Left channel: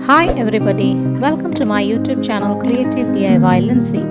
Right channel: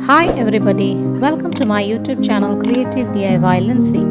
Hi everybody, welcome to my YouTube channel Creativediy Lincy.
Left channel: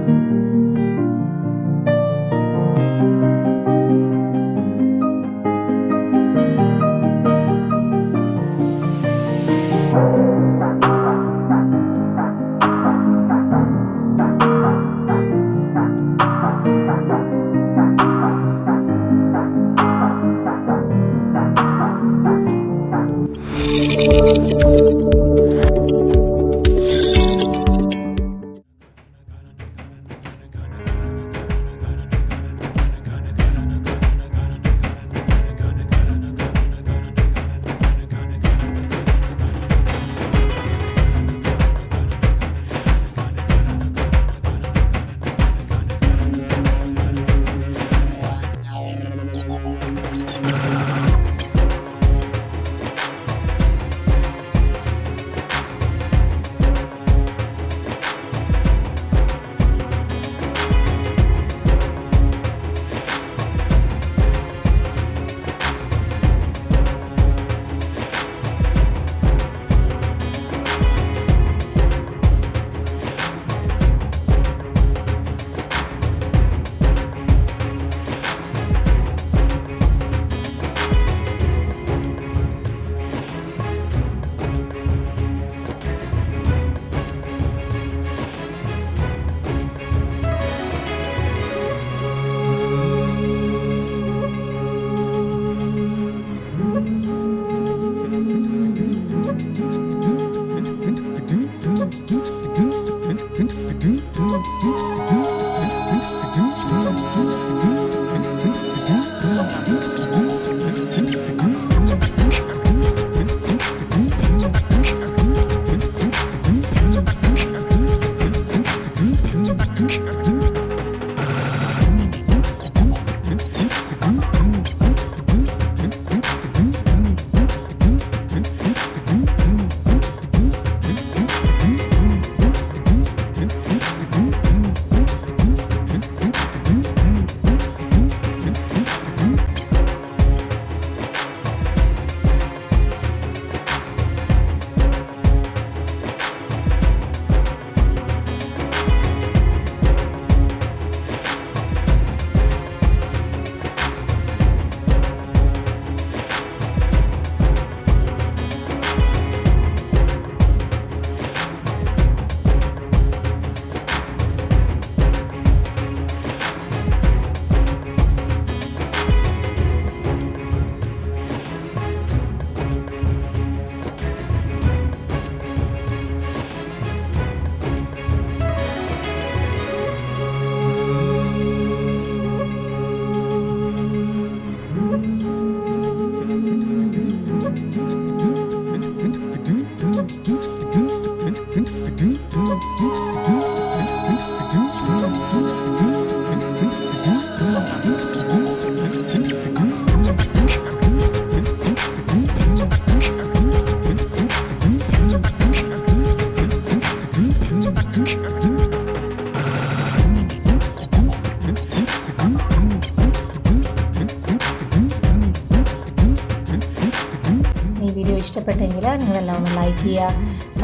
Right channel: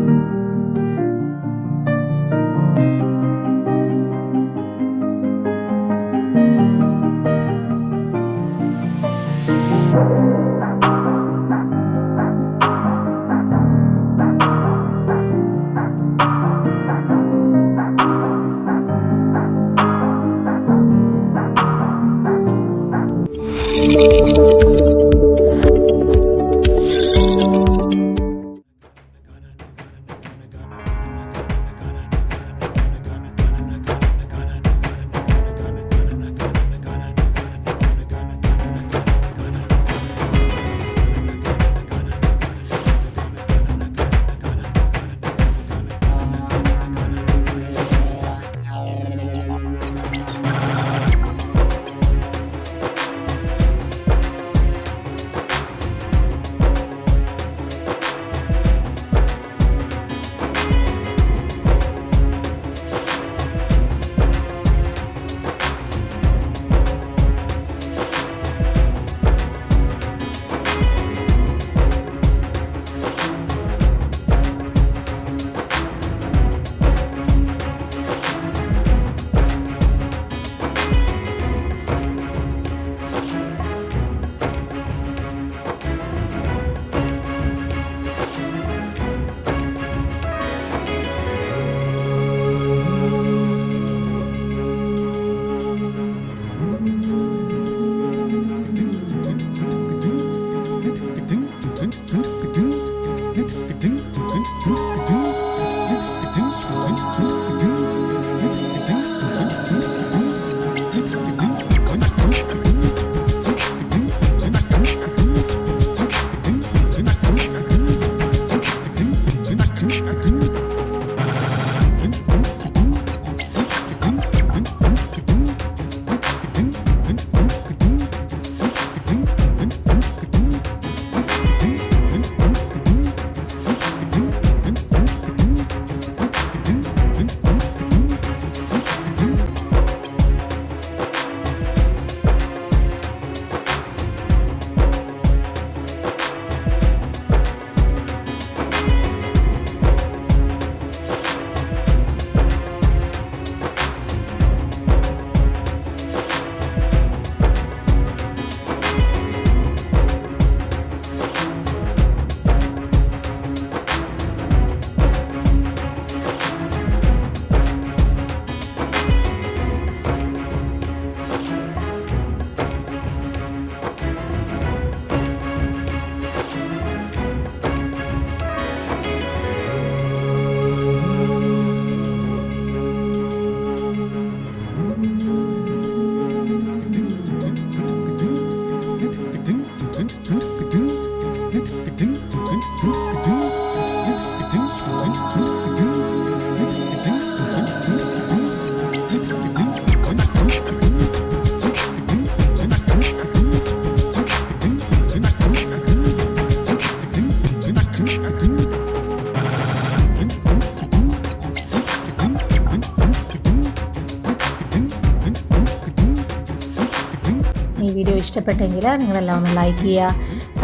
ഈ വീഡിയോ ഇഷ്ടപ്പെട്ടെങ്കിൽ നിങ്ങളെല്ലാം ഒന്ന് ലൈക്ക് ചെയ്യുക.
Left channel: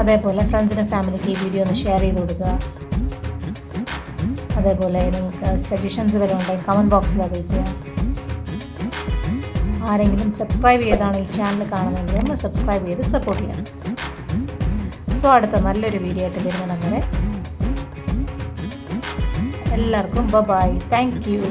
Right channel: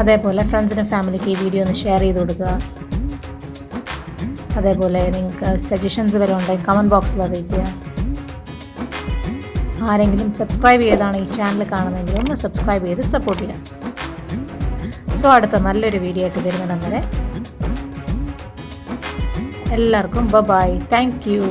അതേപോലെ ഫ്രണ്ട്സിനും ഫാമിലിക്ക് ഈ വീഡിയോ ഒന്ന് ഷെയർ ചെയ്ത് കൊടുക്കുക. അതേപോലെ നിങ്ങൾക്ക് സജഷൻസ് വരെ ഉണ്ടെങ്കിൽ കമൻറ്റ് ബോക്സിൽ അറിയിക്കുക. ആരെങ്കിലും സബ്സ്ക്രൈബ് ചെയ്താണ് ഈ ചാനൽ കാണുന്നതെങ്കിൽ ഒന്ന് സബ്സ്ക്രൈബ് ചെയ്ത് സപ്പോർട്ട് ചെയ്യാം. സോ അടുത്ത നല്ലൊരു വീഡിയോ ആയിട്ട് വരുന്നിടം വരെ എല്ലാവർക്കും ബൈ. Thank you.